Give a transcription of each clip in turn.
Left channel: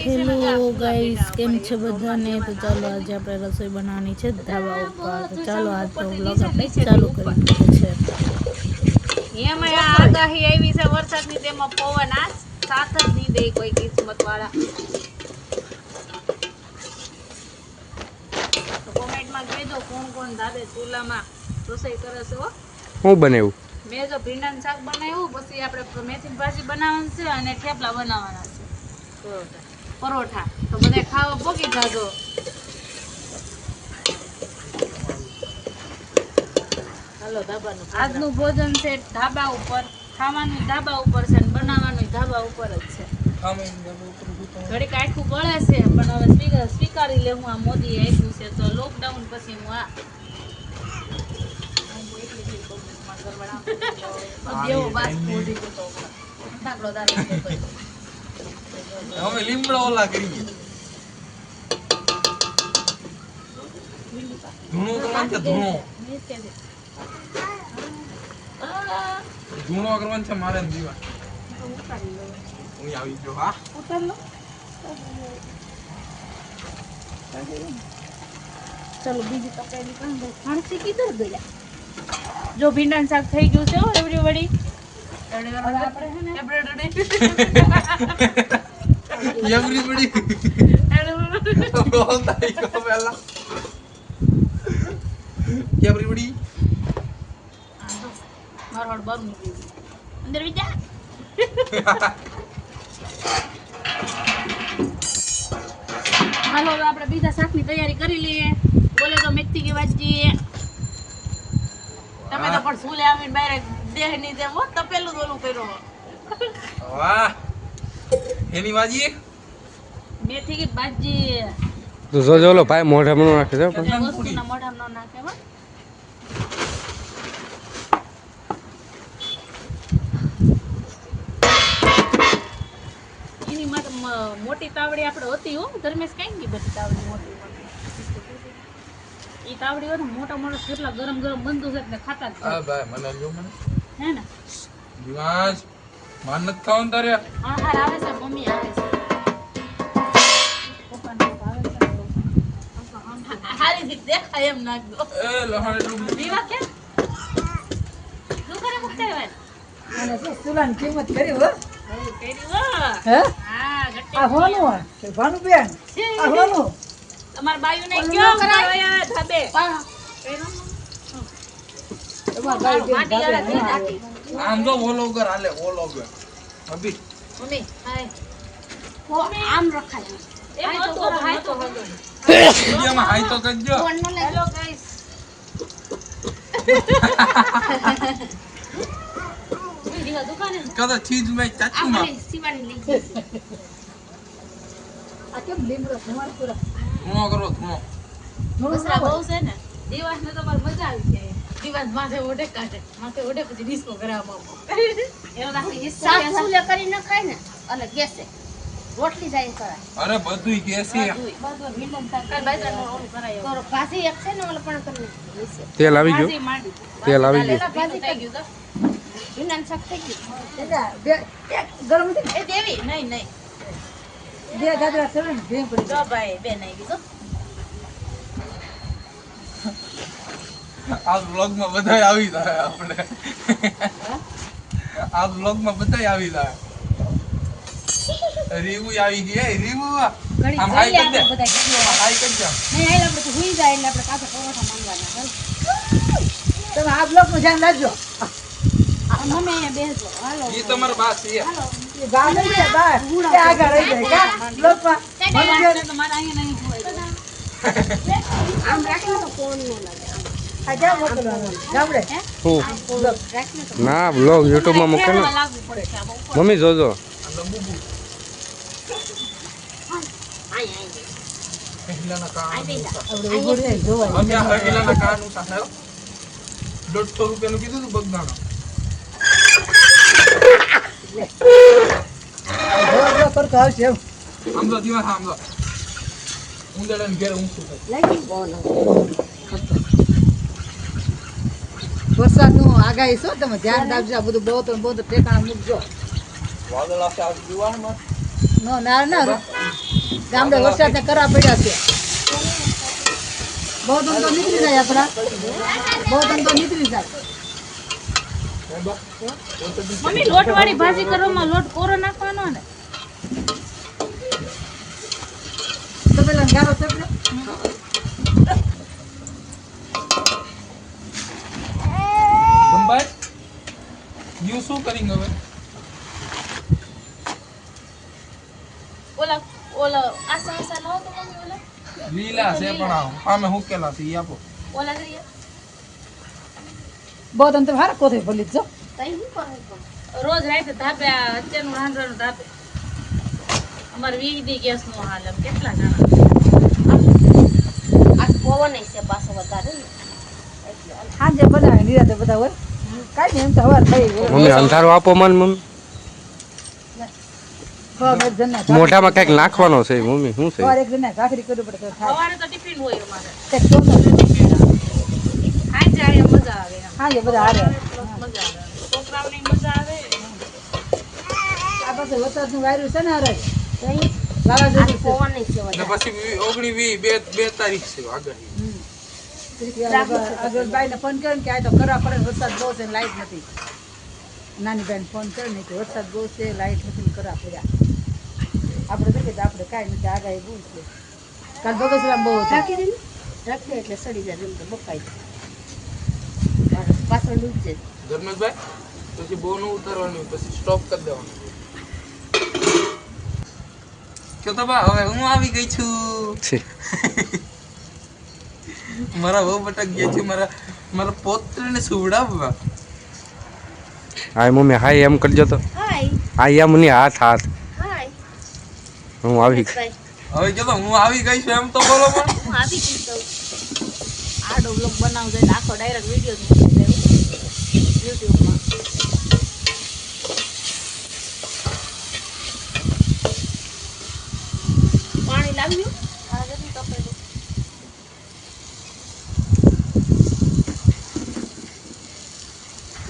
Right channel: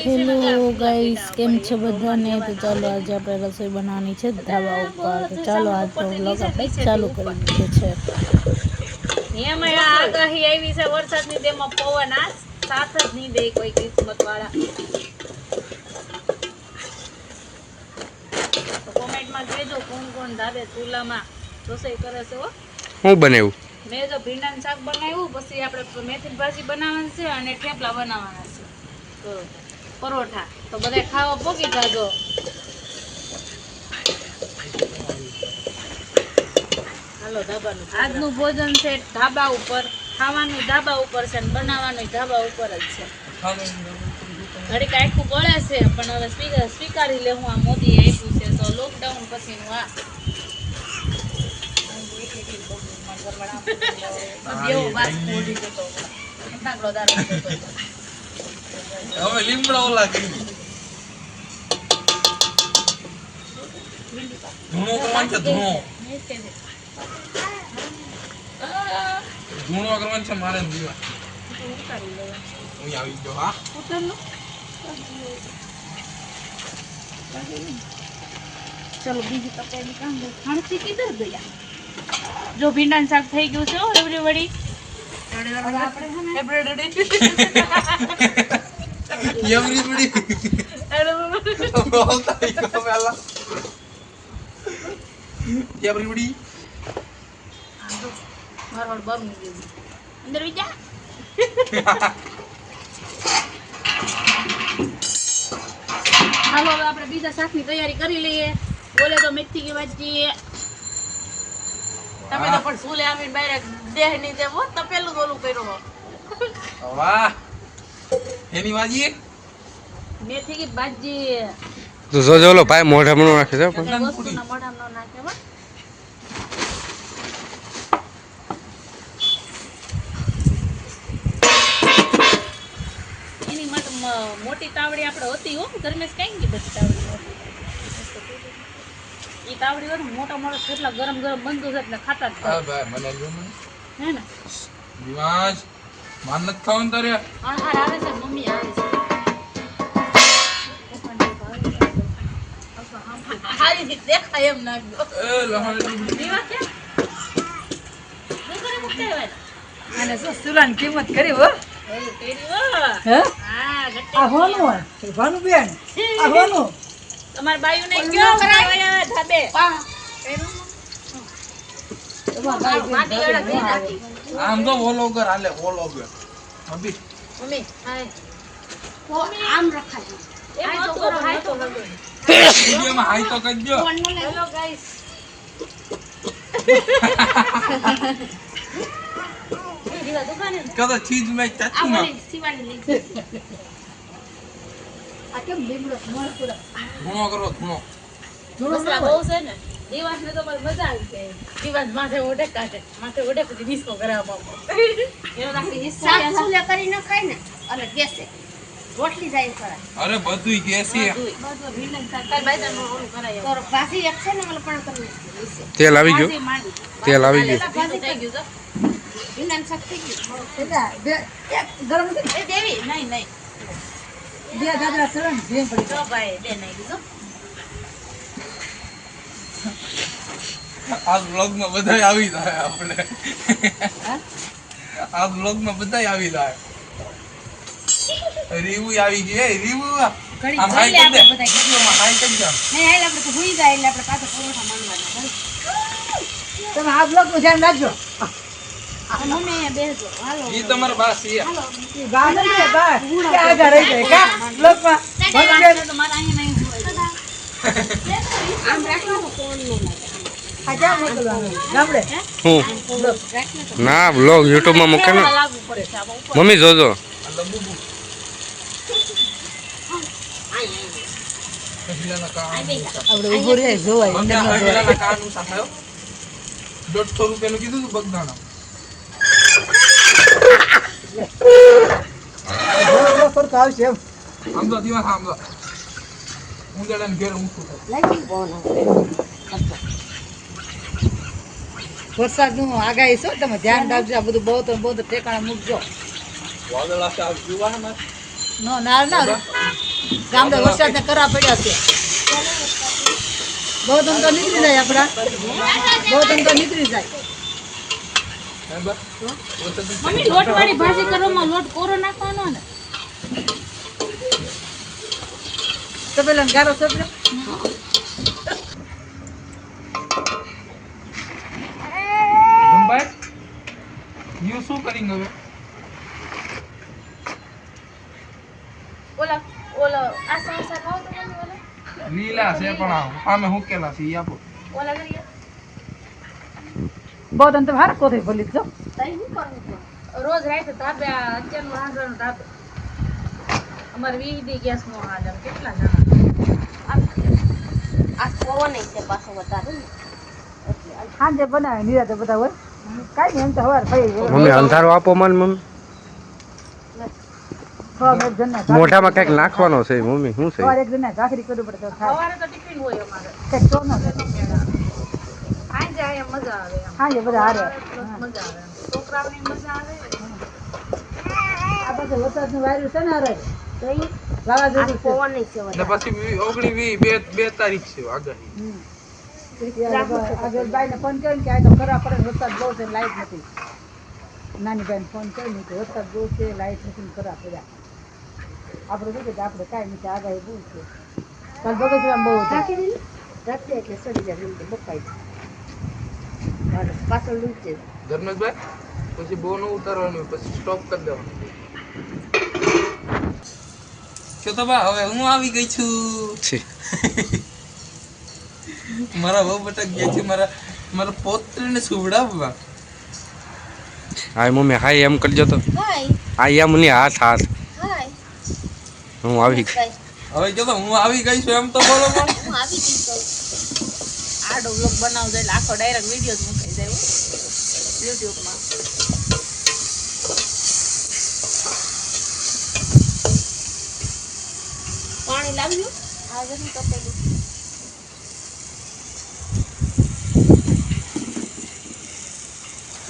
Hello guys, કેમ છે બધાને? તો ચાલો આજે આપણે રસોઈ બનાવવાની છે ધાબા ઉપર. તો ચાલો આજનો વ્લોગ આપણે ચાલુ કરી દીધો છે. એમાં આગાહી આવી છે વરસાદની, તેમાં પવન આ સાથ જ નહીં દે કોઈ કિસ્મત વાળા. કોમેન્ટમાં કહેજો કોણ કોણ ધાબે ચૂલામાં રસોઈ કરે છે. હું બનાવ્યું? મેં જો ભીંડાનું શાક બનાવ્યું, પછી આપણે મેથીની ભાજી બનાવવાની છે અને થેપલા બનાવવાના છે, પરોઠા. તો બધા ખાવા પોકી જાજો. હાલો ધાબાનું આજનું ભોજન છે ધાબા ઉપર, ખાવાનું ધાબા ઉપર છે અને બનાવવાનું ધાબા ઉપર જ છે. ઘડીક આખું ગળે છે પણ હવે સ્વીકારી લેવું આ મોદી આપ્યું છે તો લોકડાઉન પછીનું આ લીમડા ઓલા કરી ધૂણો કરવાનું છે. ધૂણો કરવાનું છે મારે દીવા. હું આવી ગયો. હા ચલો બીજી તપેલી કામ ખાણસી કીધું ગયા. જો ભીંડાનું શાક થઈ ગયું છે એવરીબડી. અંદર વિચાર હાલો હવે આપણે બીજા શાકની તૈયારી કરી લઈએ. બોલે તો મેથી की भाजी. તમે તો પણ સુલે આવીને બહાર દેહ ની જેમ હો તપેલું ઓલું કર્યો. વાહ, એની ભાજી મેથી की भाजी. તો જોજો ઓલો ભાઈ મોઢામાં નો નાખે છે પણ વસ્તુના મોઢામાં ન નાખે હો. એની મોટી તાવડી આપણે હતી હો ધર્મેશ કઈ ગઈ બધી તાવડી મોટી. ઈ તાવડી હોય ને મોટા મોટા કેટલા ગરમ ગરમ બંધુ છે એટલે ખાતા જ. હા ભાઈ મને જો મને હે ને દિવાજ માન ન ખાવાનું તારે. હા હા આવે છે મમ્મી આવે છે. પપ્પાને ભાવે છે. હારી થી દેખાય એમ નાખજો. એ લહાડે દીવા કે દુકાને મુકતે હોય અને સુલાની કિંમત કરી હો. એ તેરી વો હે હા ગટ્ટી આ હોનું છે ભાનું બેન આ હોનું તમાર બાયુ ને કયો કરાય ધાબે તમાર ભાઈ બેન માટી વાળા દઈ નાખી. આમ તો વોલોગર હાલે વોલોગર. અભી મમ્મી હાય ઓ આમ રખાય આ તો કરો હાય તો હલો. વિડિયોમાં હાઈ તો કરજો. હેલો ગાઈસ દીવા દુકાને કદા ચીજ મે ચાચુ માં સીવાની લીધી. આ કેમ લીમડો તમારો પૂરા ધૂણો કરો ધૂણો. મસલા બહુ છે ને દિવસ ને તો મજા આવી જાય. દિવસ માથે ઓઢે કાઢે માથે ઓઢે પછી ડિસ્કો કરાવવા માંગો એનો રાખી હિસ્સા સાસુલે કરી ન ખાય ને અને ગેસે રોટલી જાય કરા અરે બધુંય કેસી બધું ભીંડા સરકાર બાજરા નો ઓલું કરાય તો ભાજી એક છે ને મને પણ કરી તેલ આવી ગયું તેલ આવી ગયું ભાજી થઈ ગયું તો ભીંડાનું શાક થઈ ગયું એટલે બે એક ગરમ છે એ દેવી નહીં નહીં બે ગાજરા સરણ ભેમ પડી જો ભાઈ બે નહીં કીધું. આ વ્લોગ માં બધાય આવી જાય આપણે. આ વ્લોગ માં બધાય આવી જાય. રીવુ આવી ગઈ. એ રીવુ ઘડી આમ જોઈ હાઈ લે કર દે. આપણે બધા હાઈ કર દે. નહીં હાલ આપણે તો હુઈ જાય એટલે આપણે પાછો પરોઠા માંગવાના. તમે આ બ્લોક નું ધ્યાન રાખજો. મને અહીંયા બેસજો હાલો ઈ તમારો બાસ છે. હાલો ઈ બહાર ને બહાર કે આગળ રહી જાય કા બ્લોક માં એટલે તો મારે અહીંયા નહીં હોય આમ રાખો તો કોણ ન લાગે આ ક્યાં મોકલવાનું ગામડે હું ના બ્લોગ યુટ્યુબ માં મૂકે ને લાગુ પડે છે આ ઉપર. મમ્મી જોજો આ લંબુ પહેલાના કાન આપણે ઉભો રહે જોવાય મમ્મી આ પહેલાના કાન ઉતા થયો 150 રૂપિયાનું કીધું તું બગદાણા. જો કરતો આવશે એમ આમ તો દીવા આમ તો ઉંદરડાને ઘેર ઊંચું થાય. લાગી બોન વરસાદનું આગાહી છો તમે ધ્યાન રાખજો. આ બધું બહુ ઠેકાણા મૂકજો. વાદળ આશે આ દીવાનમાં નો નાર ના ગામડે વરસાદ ને કરા પડ્યા છે બહુ દમ તો નીકળી જાય આપણા બહુ દમ તો નીકળી જાય મમ્મી લોટ વાળી ભાજી કરવામાં લોટ કોરો નાખવાનો ને તો પેલા ગારો તો ગંભાઈ યુ શું કરી હવે ઓલા ઓલા આસા આસા લાવ તો મમ્મી ઓલા લીલા છે પણ આમે હુકેલા છે ઈ આપો ઓલા કરીએ બહુ દમ તો હાર કોથે ભલી જો તઈ હું કરું છું રોજ રાતે ધાબે અત્યારનું હાંડવાનું ધાબે અમારે 20 દી ગેસ નો હાલ એમ કેટલા જણા આ પવન છે પાછો વધારે ને એટલે સાંજે બનાવે નિરાતે બધા હોય કાઈ નહીં એમ તો હવાર થઈ મમ્મી અંધારો આપો મને મમ્મી હવાર એક જણને મોઢામાં કંઈક નાખવાનો છે મમ્મી શું છે હવાર એક જણને ભાખરી કરવી પડે તો થાય સવારે તો ટિફિન હોય અમારે તે તો ના આઈ જાય મજા આવે એમ. હા એ બધા હારે મજા આવે છોકરાઓને મજા આવે આ પાસે વરસાદનું વાયરું છે ને હરે તઈ વાવાઝોડું છે પવન છે અને વધારે પછી 19 બે તારીખ છે આગાહી આગળ બાઈને ફોન કર્યો ને કે આ તો કરા પડે ને વરસાદ બહુ છે ને લાઈટ નથી નાની બાઈને ફોન કર્યો ને કે વરસાદ બહુ છે લાઈટ નથી ને કરા પડ્યા આપણે જોઈએ તો આપણે કાંઈ નથી આગાહી બહુ છે કાલ બગસરામ બહુ છે ઢાંકી દે ઢાંકી એટલે સડી જાય એમ તો બકાઈ જાય પાછળ લૂજ છે ધર્મેશભાઈ પછી બહુ ન ઉતારવાનું પછી સ્ટોપ કરી દેવાનું કે તો બા હવે હું આવી ગઈ છું છે મારા બહુ બટક ગયા છે મારા પોત્રને સુવડાવવા હા મમ્મી હાય એમ કરજો તો હાય હા એમ નહીં હાથ હાથ હાય હું આવી ભાઈ હવે કે તો હું આવી ગઈ છું એમ તો બોલો પણ હું આવી ગઈ છું આડો વ્લોગ બનાવજો એટલે આખો ડાયરેક્ટ વિડીયો જ મૂકી દેવો યુટ્યુબમાં પાણી લાવ્યું આ બધું તપેલું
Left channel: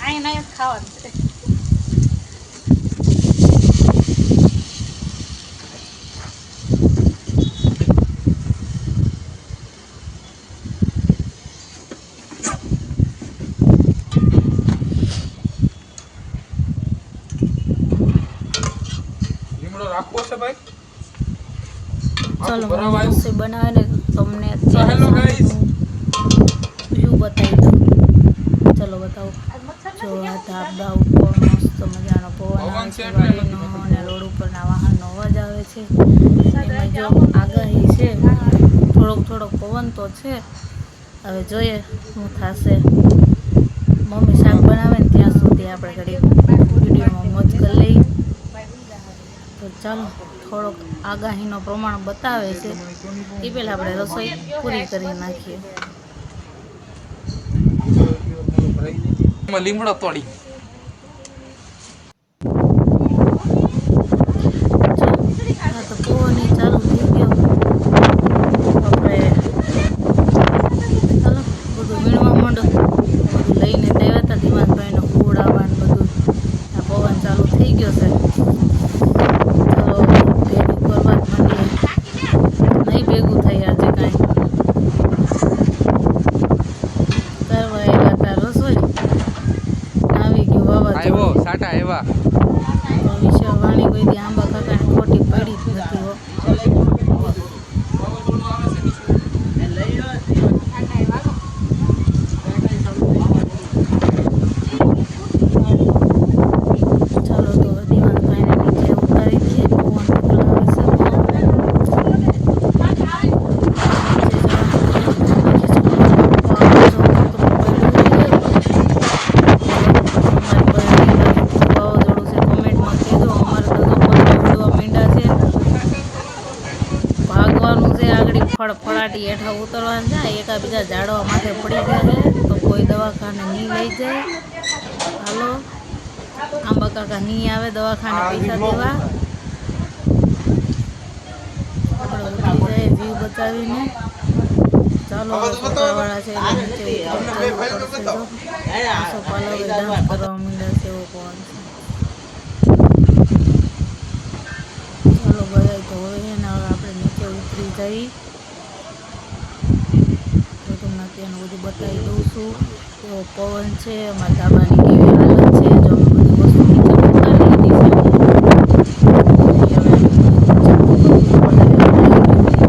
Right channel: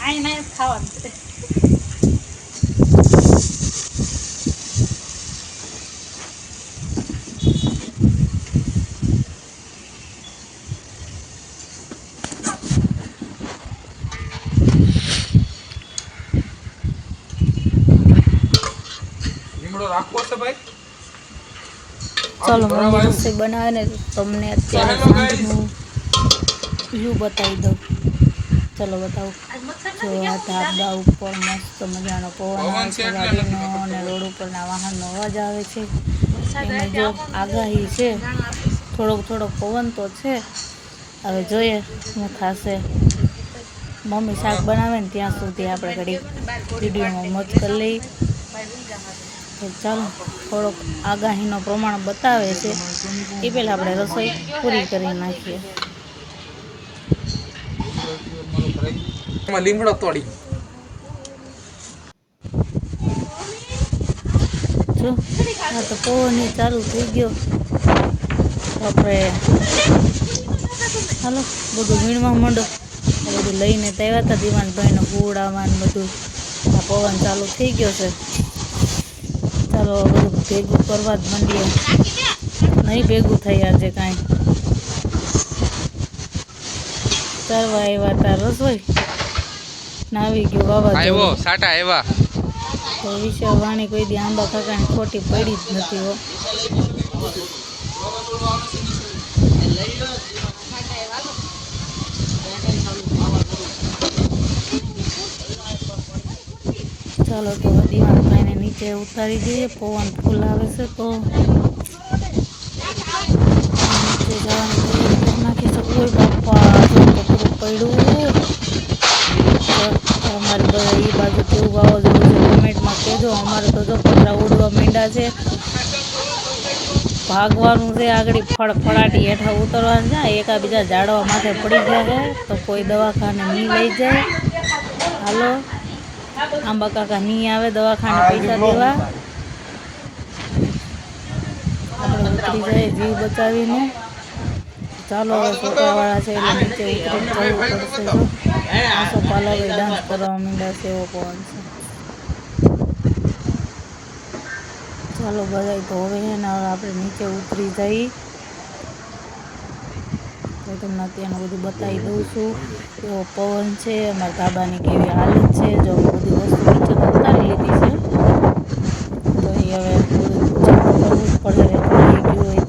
આઈ નહીં જ ખાવાનું છે લીમડો રાખવો છે ભાઈ ચાલો બરાબર મમ્મી રસોઈ બનાવે ને તમને અત્યારે હેલો ગાઈસ સાંજનું વ્યૂ બતાવી દઉં ચાલો બતાવો આજ મચ્છર જો નથી આ કેવું ધાબા ઉપર મસ્ત મજાનો પવન પવન આવે છે છે એટલે ગાડીનો અને રોડ ઉપરના વાહનનો અવાજ આવે છે એમાં જો આગાહી છે થોડોક પવન તો છે હવે જોઈએ શું થશે મમ્મી શાક બનાવે ને ત્યાં સુધી આપણે ઘડી વિડીયોમાં મોજ કરી લઈએ તો ચાલો થોડોક આગાહીનો પ્રમાણ બતાવે છે એ પહેલાં આપણે રસોઈ પૂરી કરી નાખીએ એમાં લીમડો તોડી જો આ તો પવન ચાલુ થઈ ગયો આપણે ચાલો બધું વીણવા માંડો બધું લઈને આવ્યા હતા દિવાનભાઈને હુડાવાનું બધું આ પવન ચાલુ થઈ ગયો છે ચાલો ભેગું કરવા જ માંડીએ નહીં ભેગું થઈ આજે કાંઈ કરવા આવ્યા હતા રસોઈ આવી ગયું વાવાઝોડું આવ્યો સાટા આવ્યા તો વિશે વાણી કોઈ દી આંબા કાકાની ખોટી પડી જ નથી હો ચાલો તો દિવાળભાઈને નીચે ઉતારી દઈએ પવન ફૂલ આવે છે તો ભાગવાનું છે આગળ ફળફળાટી હેઠા ઉતરવાનું જાય એકાબીજા ઝાડવા માથે પડી ગયા છે તો કોઈ દવાખાને નહીં લઈ જાય હાલો આંબા કાકા નહીં આવે દવાખાને પૈસા દેવા આપણે ઉતરી જાય જીવ બચાવીને ચાલો હવે છોકરાવાળા છે એટલે નીચે ઉતરી જવું પડશે જો આસો પાલાવે ડાન્સ કરવા માંડ્યા છે એવો પવન છે હાલો બધા તો હવે છે ને હવે આપણે નીચે ઉતરી જઈ તો તમને અત્યારનું બધું બતાવી દઉં છું કેવો પવન છે અમારા ધાબાની કેવી હાલત છે જો અમે બધી વસ્તુ નીચે ઉતારી લીધી છે હવે કરવું જ પડે પવન છે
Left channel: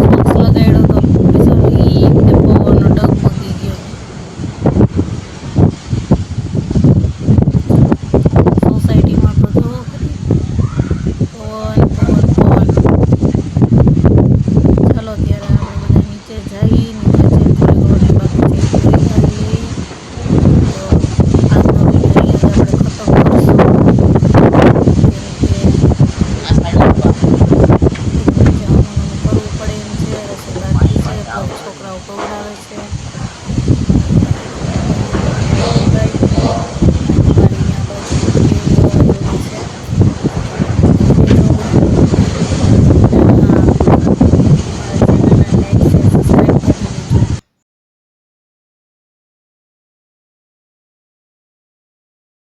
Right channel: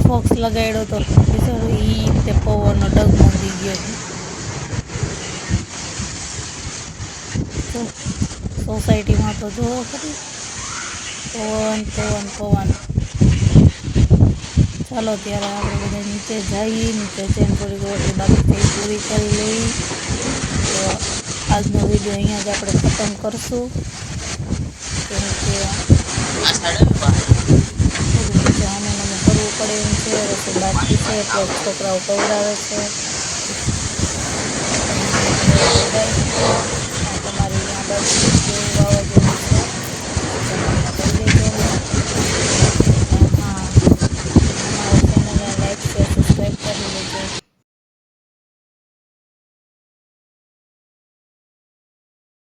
ફોક્સ લગાડ્યો તો બિચારો ઈ તે પવનનો ડગમગી ગયો સોસાયટીમાં તો જો ખરી પવન પવન પવન ચાલો ત્યારે આપણે બધા નીચે જઈ નીચે જઈને થોડી ઘણી બાકી થઈ પૂરી કરી લઈ તો આજનો વિડીયો અહીંયા જ આપણે ખતમ કરશું કરવું પડે એમ છે રસોઈ બાકી છે એટલે છોકરાઓ પવડાવે છે